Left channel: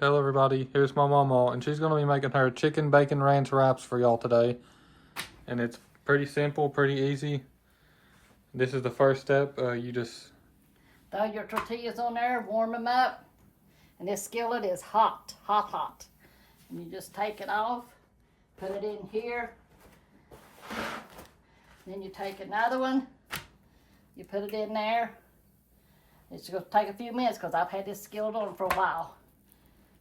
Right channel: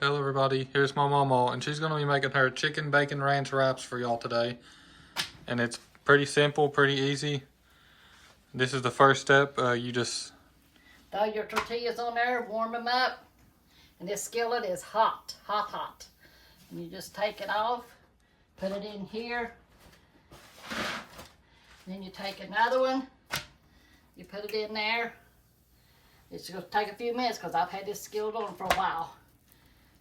Hello everybody, here's my Mamaw, and she's going to be making her chicken bacon ranch wraps for y'all today. And it's pretty simple, pretty easy. This is the first step. You just throw your tortillas on there, warm them up, and this skillet is hot, hot, hot. And you just take it off, put it in here, and then you take another one, you put it in there. It's going to take a few minutes because I've had this skillet on for a while.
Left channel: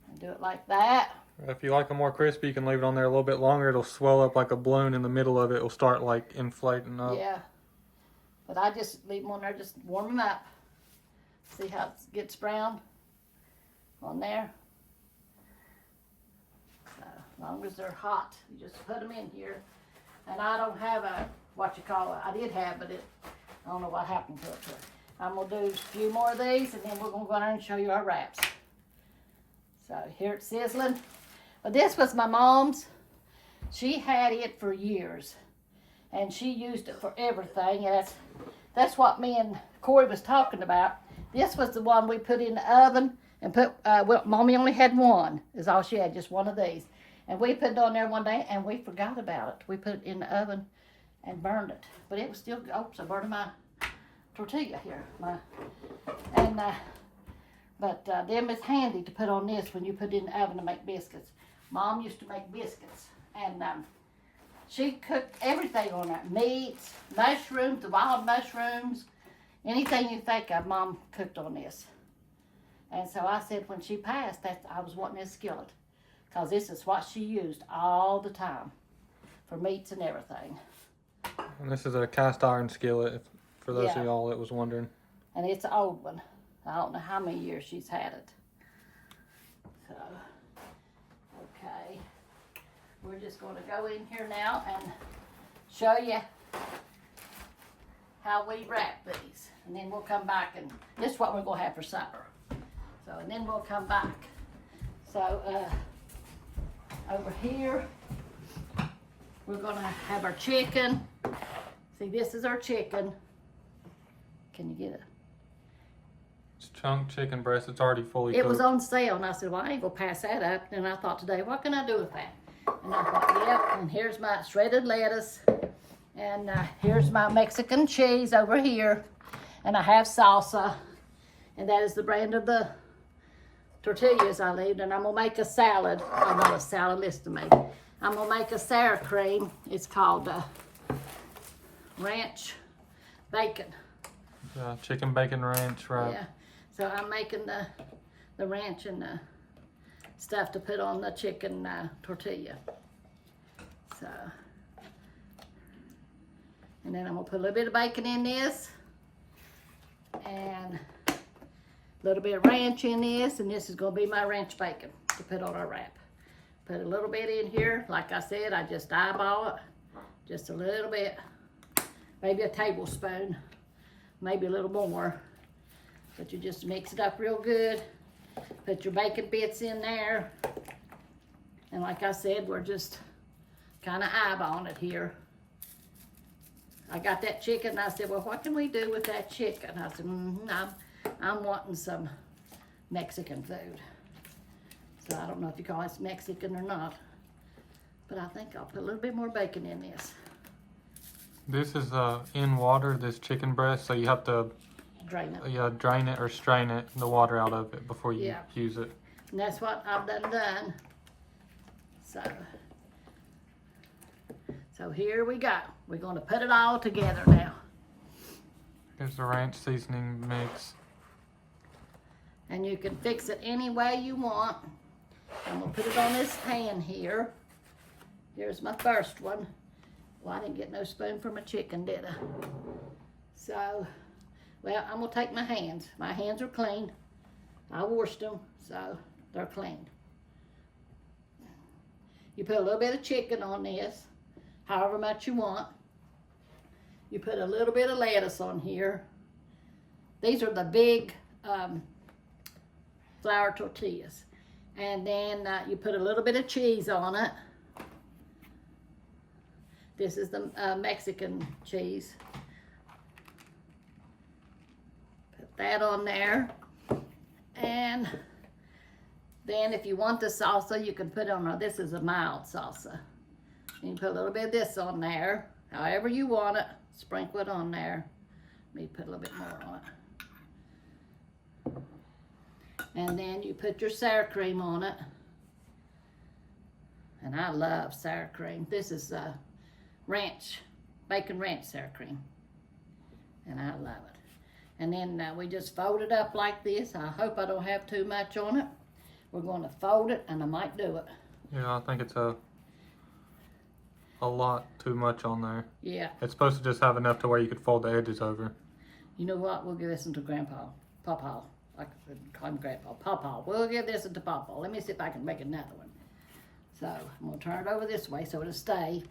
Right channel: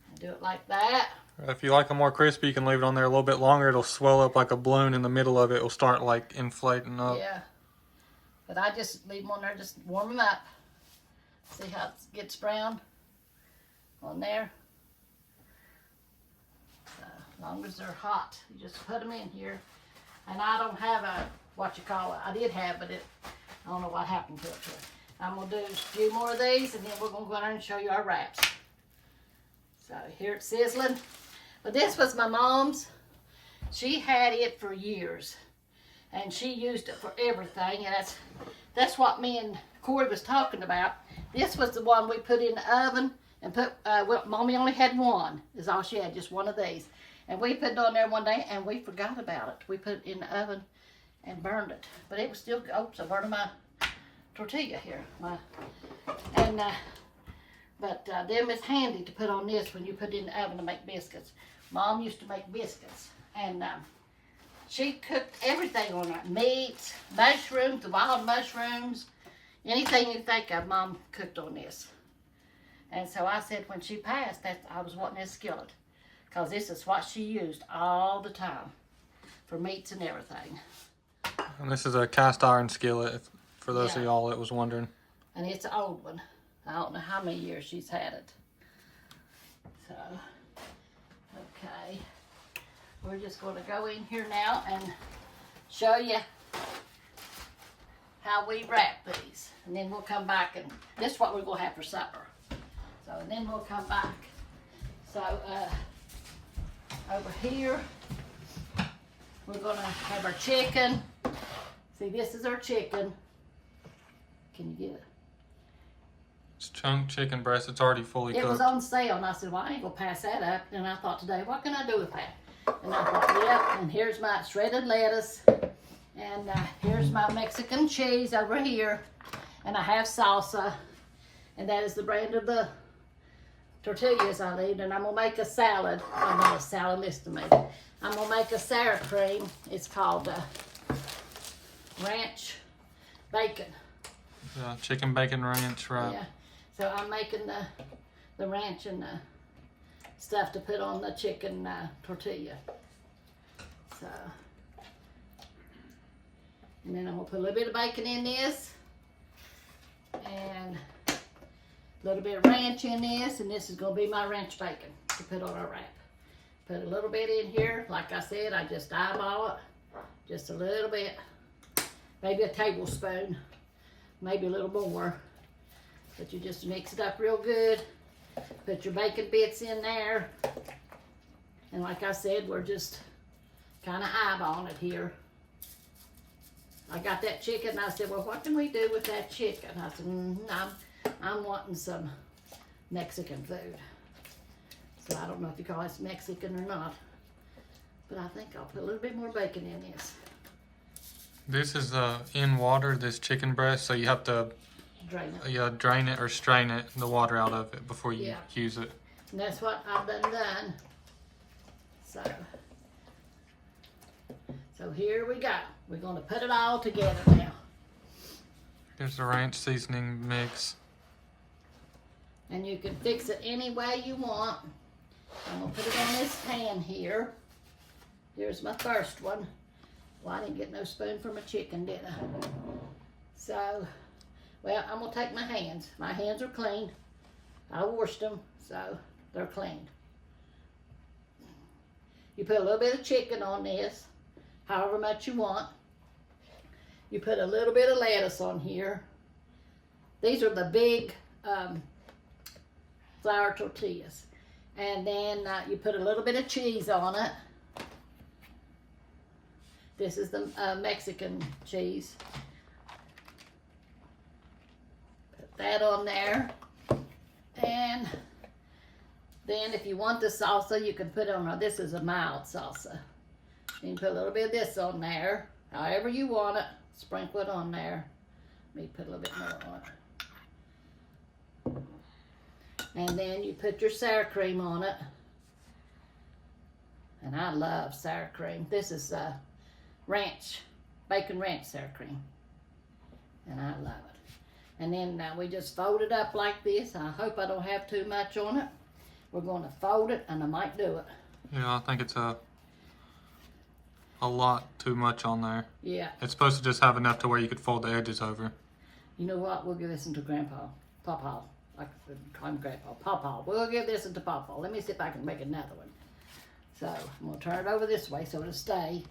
And do it like that. if you like them more crispy, you can leave it on there a little bit longer. It'll swell up like a balloon in the middle of it. It'll start like inflating up. Yeah. But I just leave them on there, just warm them up. See how it gets brown on there? So, as long as they're hot, you just put them in here. And I don't have a, I did have, but I don't know what happened to it. I'm going to do a few more of these, and then we're going to go in there and show you our wraps. So here it's sizzling. But this was my mom's. She had it for years. And she used it for everything. And that's what me and Corey was talking about. This was the one we put in the oven and put, well, Mommy only had one, is all she had, just one of these. And we put it on there one day and we forgot about it. We put it in the oven and burned it. But it was still, oops, I burned my tortilla here. But them is handy to put on this when you put it in the oven to make biscuits. Mom used to make biscuits. And she cooked everything on that. Meats, mushrooms, the wild mushrooms, anything you think of, Mom cooked on this. And so I said when she passed, that I was wanting this skillet. Because this is what she used all the time for meats and everything. And this is a cast iron skillet, for those Yeah. of y'all that was wondering. And it's an old one. I don't know how many years she's had it. So, okay. We're just going to go in here now and show you how we wrap these. And then we'll come back, and this is what we're going to have for supper. So, and then we'll come back. So, over here, we're going to have our chicken. See, this is our chicken. Can you get it? It's chunk chicken breast. It's already fully cooked. It was on sale, and I said, well, I ain't gonna pass that up. And I thought today, what can I do with that? And I thought, yep, and here's my shredded lettuce. And here's my Mexican cheese over here. And I have salsa. And that is the brand of the tortillas I leave. And I'm gonna make a salad. I'm not a salad, listen to me. I'm gonna make a sour cream. It's called ranch bacon. Chicken bacon ranch wrap. Yeah. So I'm making the ranch and the stuff to put on the chicken tortilla. So, and then I'm gonna put a little bit of bacon in this, and a little bit of ranch in this, and this is gonna be my ranch bacon to put on our wrap. Put a little bit in here. Like I said, I just eyeball it, just a little bit, maybe a tablespoon, maybe a little more. But you just mix it up real good. Put your bacon bits in there. And like I said, we're just kind of eyeballing it here. I got that chicken, and I said, well, what can we do with that chicken? I said, I'm wanting some Mexican food. So I don't know if you call this Mexican or not. But I think I'll put a little bit more bacon in this. This is in water, this chicken breast, so you have to Drain it. yeah, drain it or strain it, the water out of it before you use it. And that's what I've done. So here we go. We're going to put it all together now. Here's the ranch seasoning mix. And you can fix it any way you want. I'm going to put it on this pan here. Here's my first one. Well, I didn't get no spoon for my chicken, did I? So, well, I'm going to take my hands. My hands are clean. I washed them, so they're clean. You put a little bit of chicken on this, however much you want. You put a little bit of lettuce on here. These are the big flour tortillas. And then you put a little bit of cheese on it. This is the Mexican cheese. Put that on there. And Then if you want the salsa, you can put on, this is a mild salsa. You can put a little bit of this on there, however you want it. Sprinkle it on there. Let me put a little bit more on it. And then you put your sour cream on it. And I love sour cream. This is ranch, bacon ranch sour cream. And I love it. And then we just fold it up like this. I hope I don't have too much on it. We're going to fold it, and I might do it. Yeah, I think it's a lot too much on there. Yeah. It's supposed to just have enough to where you could fold the edges over. You know what? We'll give this one to Grandpa. Pawpaw. I could call him Grandpa. Pawpaw. We'll give this one to Pawpaw. Let me see if I can make another one. So, I'm going to turn it over this way so it'll stay.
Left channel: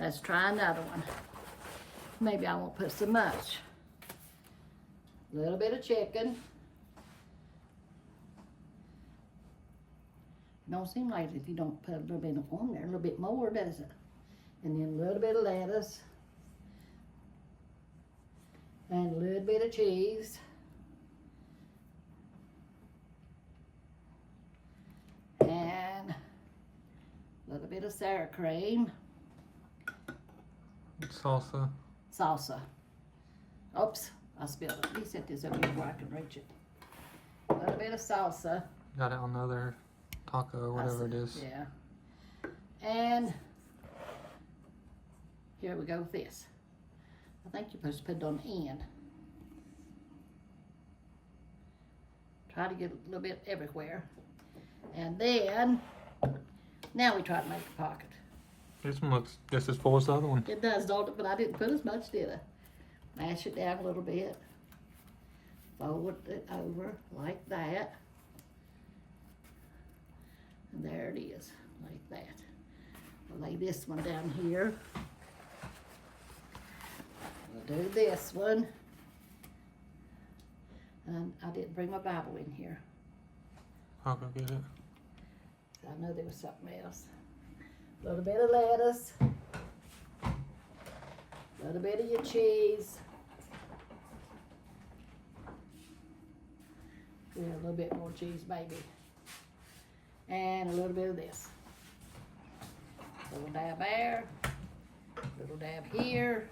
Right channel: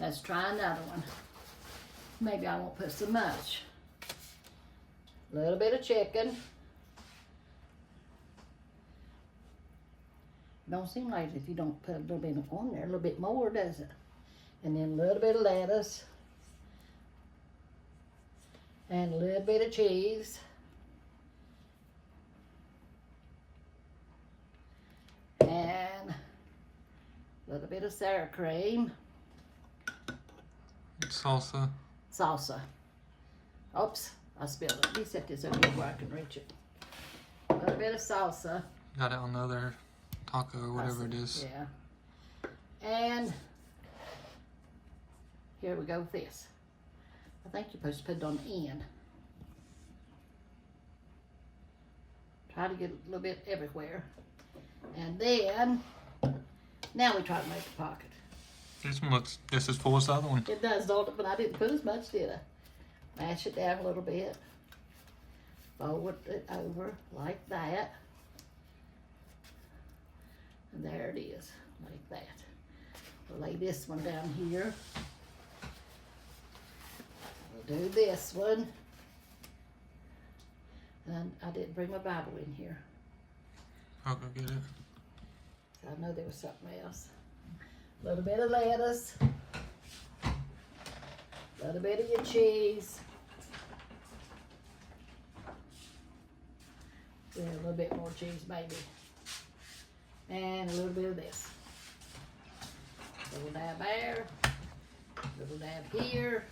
Let's try another one. Maybe I won't put so much. A little bit of chicken. Don't seem like if you don't put a little bit on there, a little bit more, does it? And then a little bit of lettuce. And a little bit of cheese. And a little bit of sour cream. Salsa. Salsa. Oops, I spilled it. Let me set this over here where I can reach it. A little bit of salsa. Got it on the other taco or whatever it is. Yeah. And here we go with this. I think you're supposed to put it on the end. Try to get a little bit everywhere. And then, now we try to make a pocket. This one looks just as full as the other one. It does, don't it? But I didn't put as much, did I? Mash it down a little bit. Fold it over like that. And there it is, like that. We'll lay this one down here. We'll do this one. And I didn't bring my Bible in here. I'll go get it. I know there was something else. A little bit of lettuce. A little bit of your cheese. Yeah, a little bit more cheese maybe. And a little bit of this. A little dab there. A little dab here.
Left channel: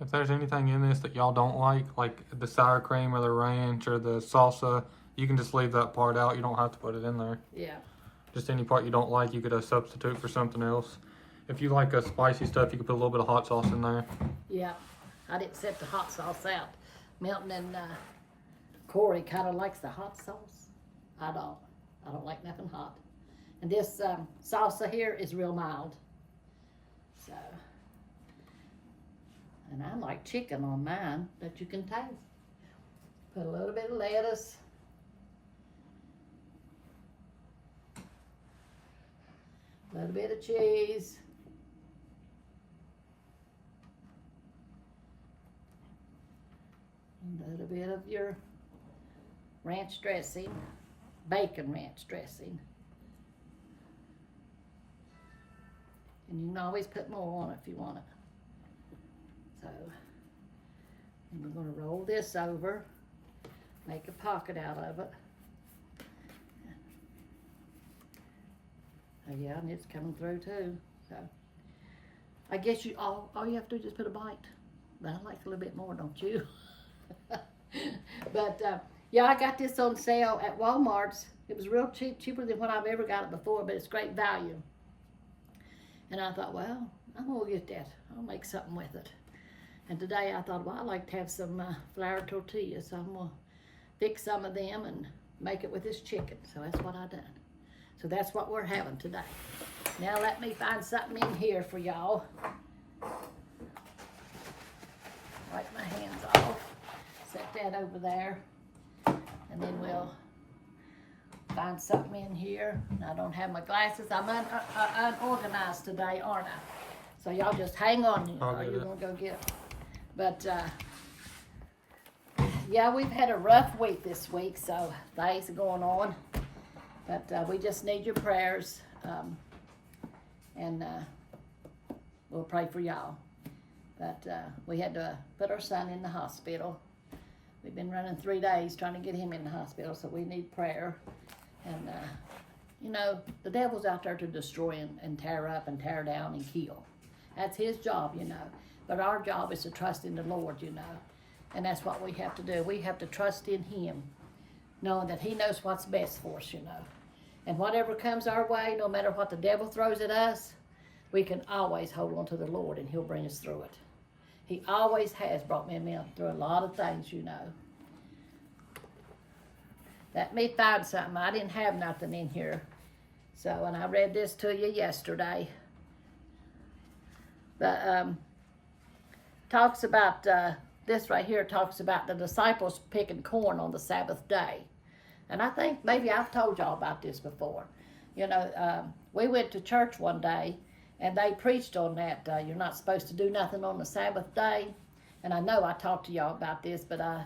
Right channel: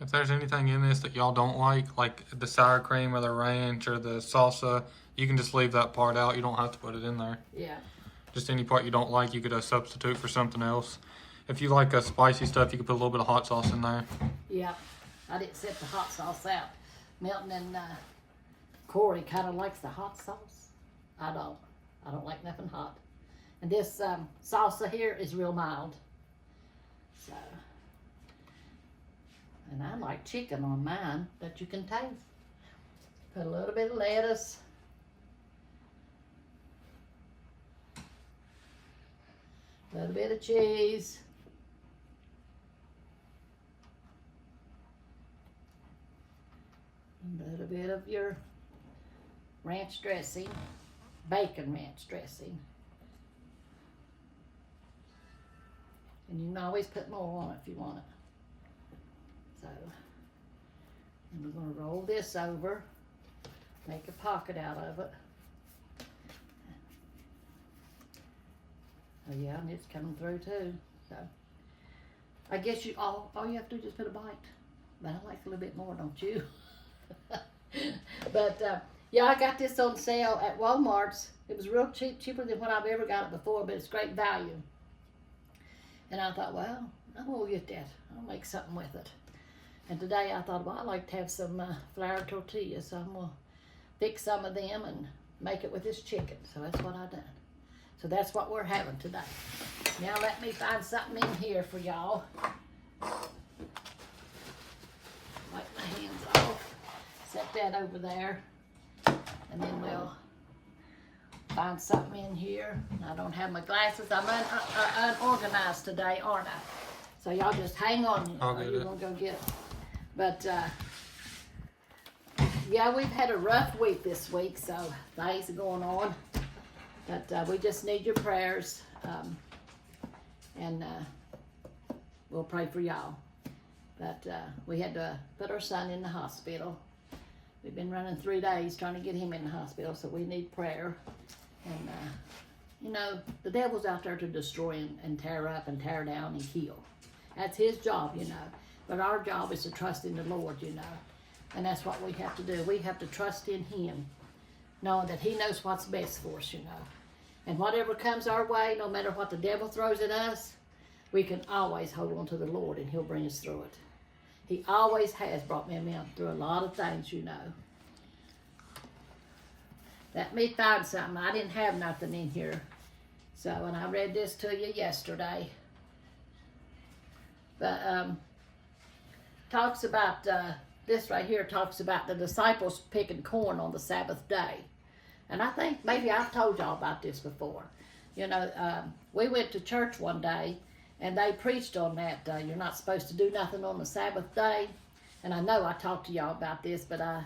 If there's anything in this that y'all don't like the sour cream or the ranch or the salsa, you can just leave that part out. You don't have to put it in there. Yeah. Just any part you don't like, you could substitute for something else. If you like spicy stuff, you could put a little bit of hot sauce in there. Yeah. I didn't set the hot sauce out. Milton and Corey kind of likes the hot sauce. I don't. I don't like nothing hot. And this salsa here is real mild. So, and I like chicken on mine that you can taste. Put a little bit of lettuce. A little bit of cheese. A little bit of your ranch dressing, bacon ranch dressing. And you can always put more on it if you want it. So, and we're going to roll this over, make a pocket out of it. Oh yeah, and it's coming through too. So, I guess all you have to do is just put a bite. But I like a little bit more, don't you? But yeah, I got this on sale at Walmart's. It was real cheap, cheaper than when I've ever got it before, but it's great value. And I thought, well, I'm gonna get that. I'll make something with it. And today I thought, well, I'd like to have some flour tortillas, so I'm gonna fix some of them and make it with this chicken. So that's what I done. So that's what we're having today. Now let me find something in here for y'all. Wipe my hands off. Set that over there. And then we'll find something in here. I don't have my glasses. I'm unorganized today, aren't I? So y'all just hang on. I'll Or get you're it. gonna go get it. But yeah, we've had a rough week this week, so things are going on. But we just need your prayers, and we'll pray for y'all. But we had to put our son in the hospital. We've been running 3 days trying to get him in the hospital, so we need prayer. And, you know, the devil's out there to destroy and tear up and tear down and kill. That's his job, you know. But our job is to trust in the Lord, you know. And that's what we have to do. We have to trust in him, knowing that he knows what's best for us, you know. And whatever comes our way, no matter what the devil throws at us, we can always hold on to the Lord and he'll bring us through it. He always has brought me and me through a lot of things, you know. Let me find something. I didn't have nothing in here. So, and I read this to you yesterday. But, talks about, this right here talks about the disciples picking corn on the Sabbath day. And I think maybe I've told y'all about this before. You know, we went to church one day and they preached on that. You're not supposed to do nothing on the Sabbath day. And I know I talked to y'all about this, but I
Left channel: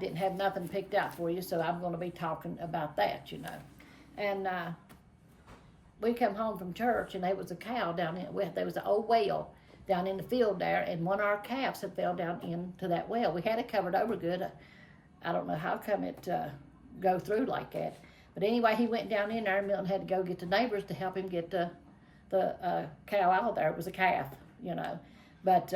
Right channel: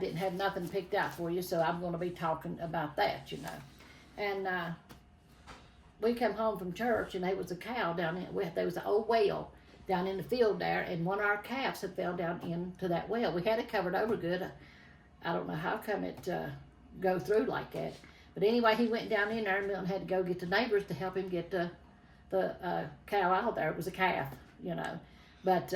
didn't have nothing picked out for you, so I'm going to be talking about that, you know. And we come home from church, and there was a cow down in, there was an old well down in the field there, and one of our calves had fell down into that well. We had it covered over good. I don't know how come it go through like that. But anyway, he went down in there, and Milton had to go get the neighbors to help him get the cow out there. It was a calf, you know. But,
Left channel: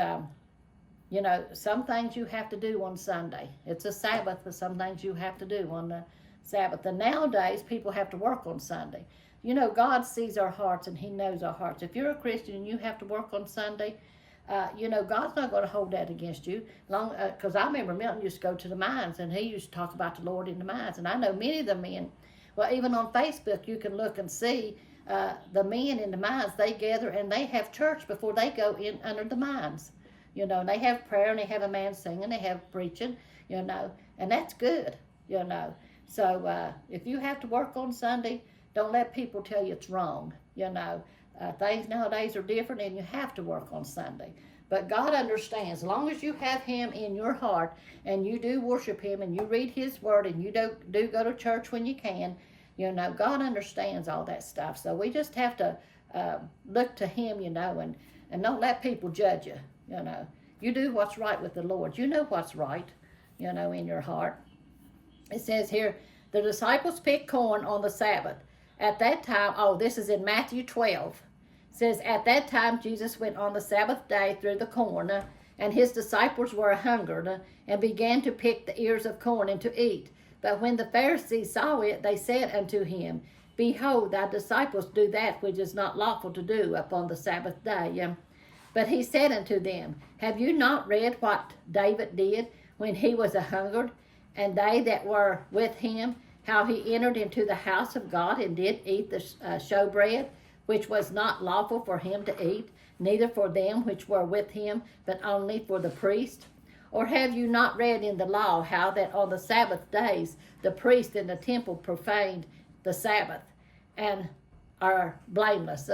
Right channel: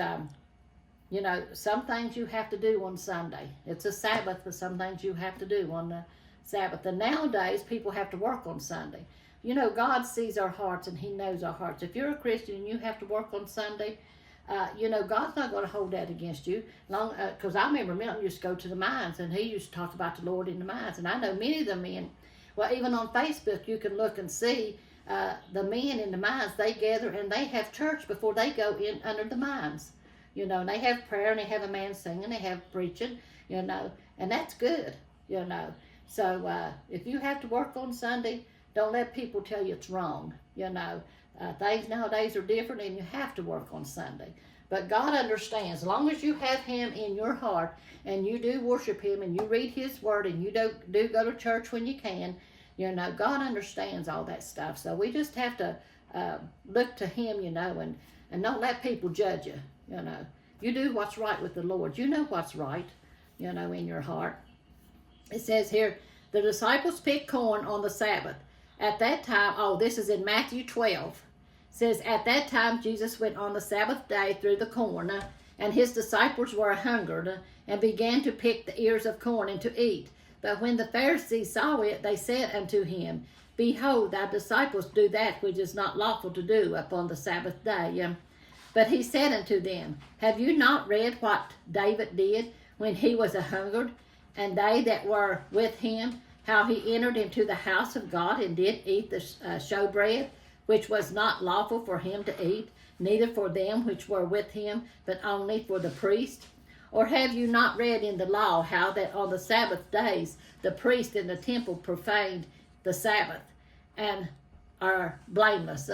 you know, some things you have to do on Sunday. It's a Sabbath, but some things you have to do on the Sabbath. And nowadays, people have to work on Sunday. You know, God sees our hearts and he knows our hearts. If you're a Christian and you have to work on Sunday, you know, God's not going to hold that against you. Because I remember Milton used to go to the mines and he used to talk about the Lord in the mines. And I know many of the men, well, even on Facebook, you can look and see the men in the mines, they gather and they have church before they go in under the mines. You know, and they have prayer and they have a man singing, they have preaching, you know, and that's good, you know. So if you have to work on Sunday, don't let people tell you it's wrong, you know. Things nowadays are different and you have to work on Sunday. But God understands, as long as you have him in your heart and you do worship him and you read his word and you do go to church when you can, you know, God understands all that stuff. So we just have to look to him, you know, and don't let people judge you, you know. You do what's right with the Lord. You know what's right, you know, in your heart. It says here, the disciples picked corn on the Sabbath. At that time, oh, this is in Matthew 12. It says, at that time, Jesus went on the Sabbath day through the corn, and his disciples were hungered, and began to pick the ears of corn and to eat. But when the Pharisees saw it, they said unto him, behold, thy disciples do that which is not lawful to do upon the Sabbath day. But he said unto them, have you not read what David did when he was hungered, and they that were with him, how he entered into the house of God and did eat the showbread, which was not lawful for him to eat, neither for them which were with him, but only for the priest? Or have you not read in the law how that on the Sabbath days the priest in the temple profaned the Sabbath, and are blameless?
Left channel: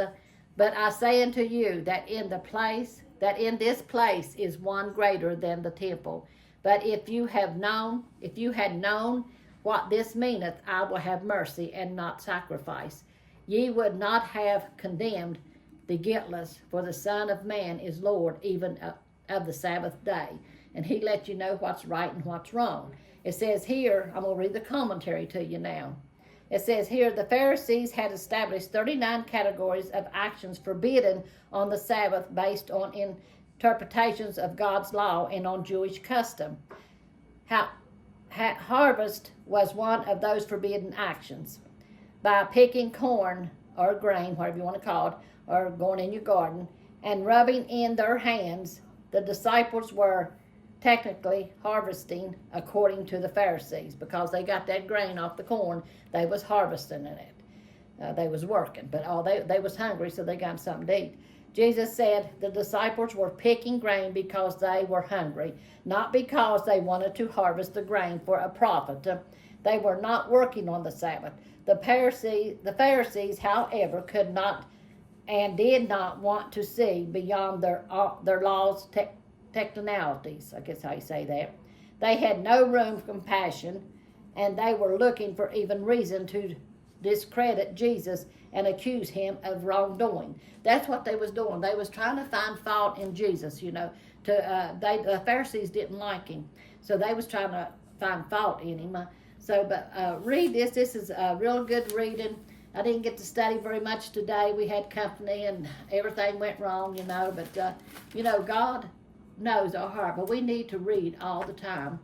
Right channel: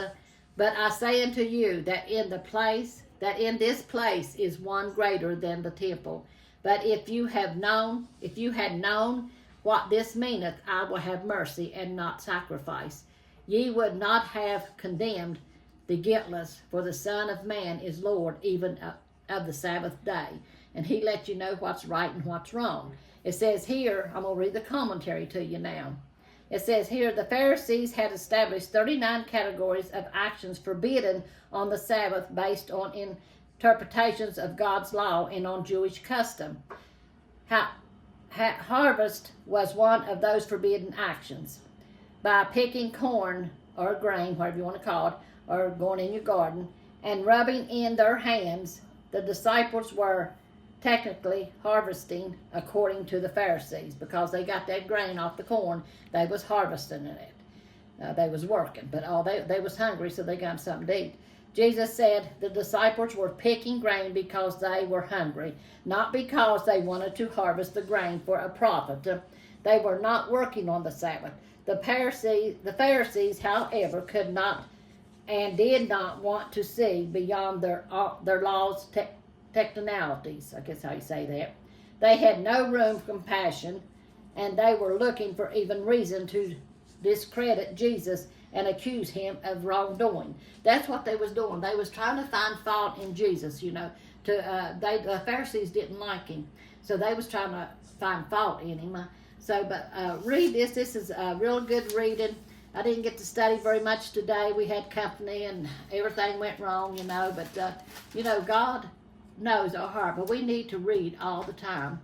But I say unto you that in this place is one greater than the temple. But if you had known what this meaneth, I will have mercy and not sacrifice, ye would not have condemned the guiltless, for the Son of Man is Lord even of the Sabbath day. And he let you know what's right and what's wrong. It says here, I'm going to read the commentary to you now. It says here, the Pharisees had established 39 categories of actions forbidden on the Sabbath based on interpretations of God's law and on Jewish custom. Harvest was one of those forbidden actions. By picking corn or grain, whatever you want to call it, or going in your garden, and rubbing in their hands, the disciples were technically harvesting according to the Pharisees, because they got that grain off the corn. They was harvesting it. They was working, but they was hungry, so they got something to eat. Jesus said the disciples were picking grain because they were hungry, not because they wanted to harvest the grain for a profit. They were not working on the Sabbath. The Pharisees, however, could not and did not want to see beyond their laws' technicalities, I guess how you say that. They had no room for compassion, and they were looking for even reason to discredit Jesus and accuse him of wrongdoing. That's what they was doing. They was trying to find fault in Jesus, you know. The Pharisees didn't like him, so they was trying to find fault in him. But read this. This is real good reading. I didn't get to study very much today. We had company and everything went wrong, you know. But, you know, God knows our heart. But we need to read all the time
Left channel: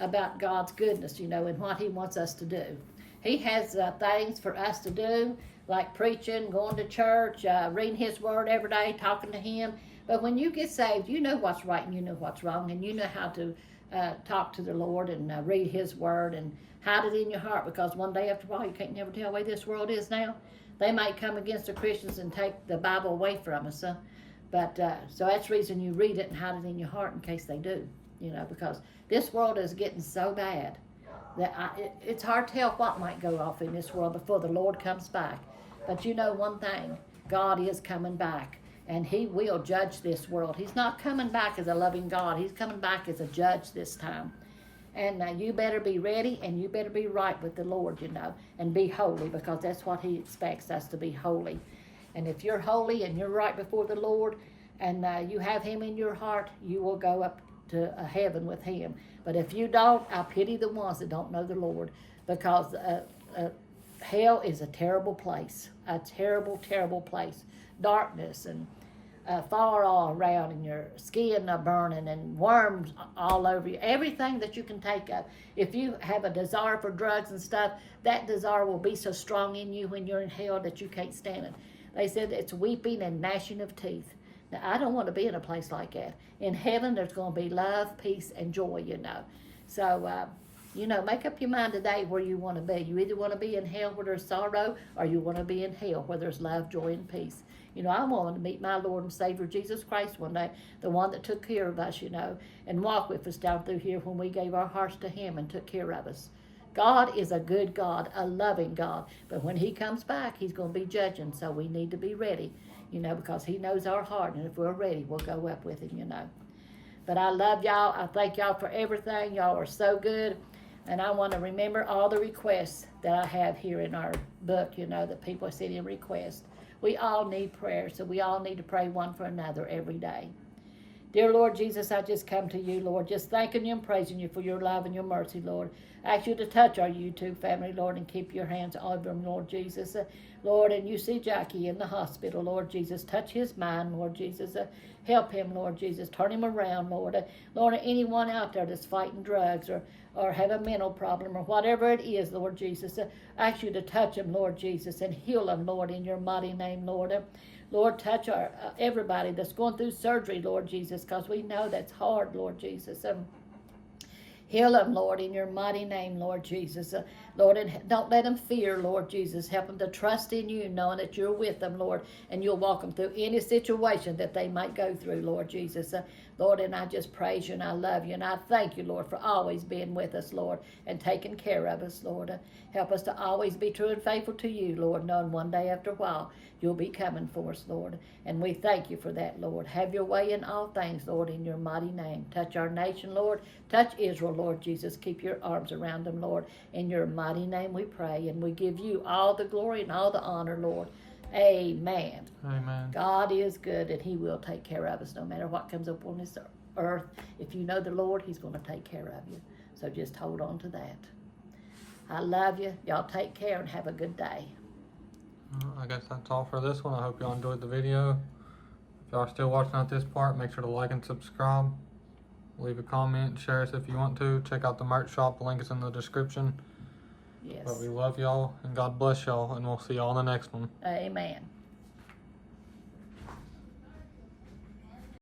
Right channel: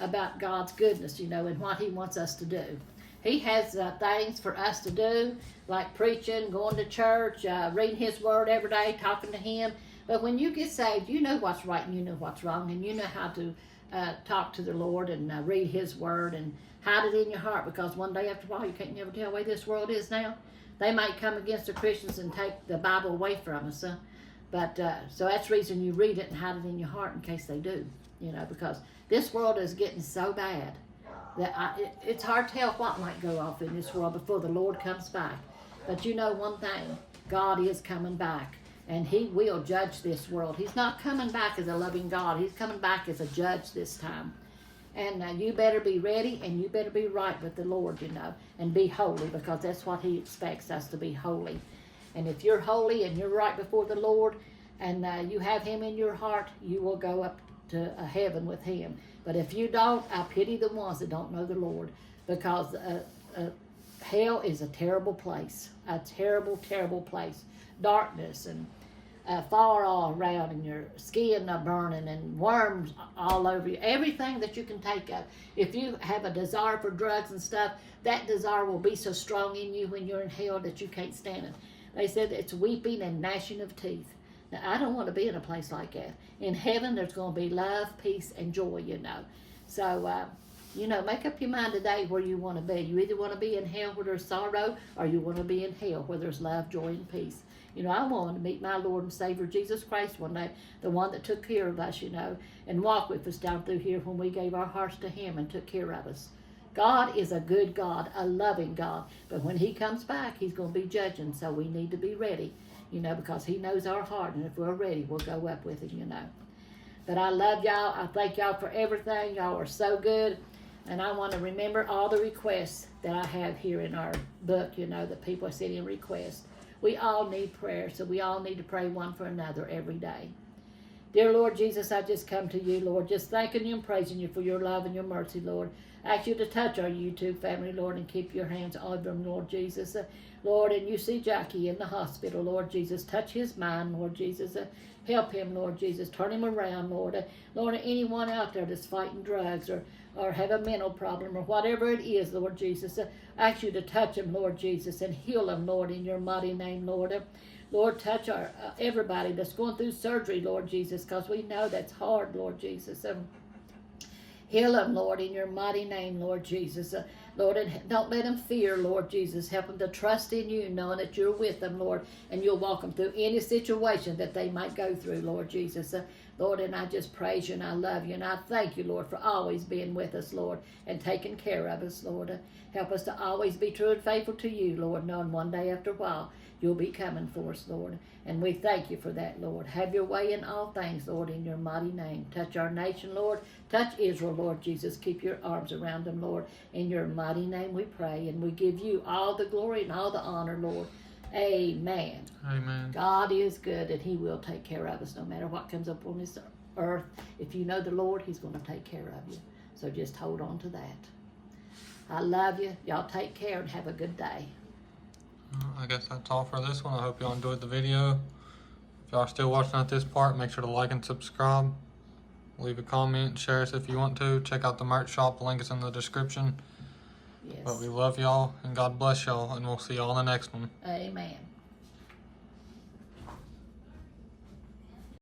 about God's goodness, you know, and what he wants us to do. He has things for us to do, like preaching, going to church, reading his word every day, talking to him. But when you get saved, you know what's right and you know what's wrong, and you know how to talk to the Lord and read his word and hide it in your heart, because one day after a while you can't never tell the way this world is now. They might come against the Christians and take the Bible away from us. So that's the reason you read it and hide it in your heart in case they do, you know, because this world is getting so bad that it's hard to tell what might go off in this world before the Lord comes back. But you know one thing, God is coming back, and he will judge this world. He's not coming back as a loving God. He's coming back as a judge this time. And you better be ready, and you better be right with the Lord, you know, and be holy, because that's what he expects us to be, holy. And if you're holy and you're right before the Lord, and you have him in your heart, you will go up to heaven with him. But if you don't, I pity the ones that don't know the Lord, because hell is a terrible place, a terrible, terrible place. Darkness and fire all around, and your skin burning, and worms all over you. Everything that you can take of. If you have a desire for drugs and stuff, that desire will be so strong in you when you're in hell that you can't stand it. They said it's weeping and gnashing of teeth. Now, I don't want to be in a place like that. In heaven, there's going to be love, peace, and joy, you know. So, you know, make up your mind today where you want to be. You either want to be in hell where there's sorrow, or you want to be in hell where there's love, joy, and peace. You know, I want to meet my Lord and Savior Jesus Christ one day, the one that took care of us, you know, and walked with us down through here when we gave our hearts to him and took care of us. God is a good God, a loving God. But when he comes back, he's going to be judging, so we need to be ready, you know, because he knows our heart, and if we're ready, we'll go up with him, you know. But I love y'all. I thank y'all for everything. Y'all are so good. And I want to remember all the requests that I have here in our book, you know, that people send in requests. We all need prayer, so we all need to pray one for another every day. Dear Lord Jesus, I just come to you, Lord, just thanking you and praising you for your love and your mercy, Lord. I ask you to touch our YouTube family, Lord, and keep your hands on them, Lord Jesus. Lord, and you see Jackie in the hospital, Lord Jesus. Touch his mind, Lord Jesus. Help him, Lord Jesus. Turn him around, Lord. Lord, anyone out there that's fighting drugs or have a mental problem or whatever it is, Lord Jesus, I ask you to touch him, Lord Jesus, and heal him, Lord, in your mighty name, Lord. Lord, touch everybody that's going through surgery, Lord Jesus, because we know that's hard, Lord Jesus. Heal them, Lord, in your mighty name, Lord Jesus. Lord, and don't let them fear, Lord Jesus. Help them to trust in you, knowing that you're with them, Lord, and you'll walk them through any situation that they might go through, Lord Jesus. Lord, and I just praise you and I love you, and I thank you, Lord, for always being with us, Lord, and taking care of us, Lord. Help us to always be true and faithful to you, Lord, knowing one day after a while you'll be coming for us, Lord. And we thank you for that, Lord. Have your way in all things, Lord, in your mighty name. Touch our nation, Lord. Touch Israel, Lord Jesus. Keep your arms around them, Lord. In your mighty name we pray, and we give you all the glory and all the honor, Lord. Amen. Amen. God is good, and he will take care of us no matter what comes up on this earth. If you know the Lord, he's going to take care of you. So just hold on to that. I love you. Y'all take care and have a good day. I guess that's all for this one. I hope y'all enjoyed the video. If y'all are still watching at this part, make sure to like and subscribe. Leave a comment, share us if you want to. Check out the merch shop. The link is in the description. Yes. But we love y'all, and God bless y'all, and we'll see y'all in the next one. Amen.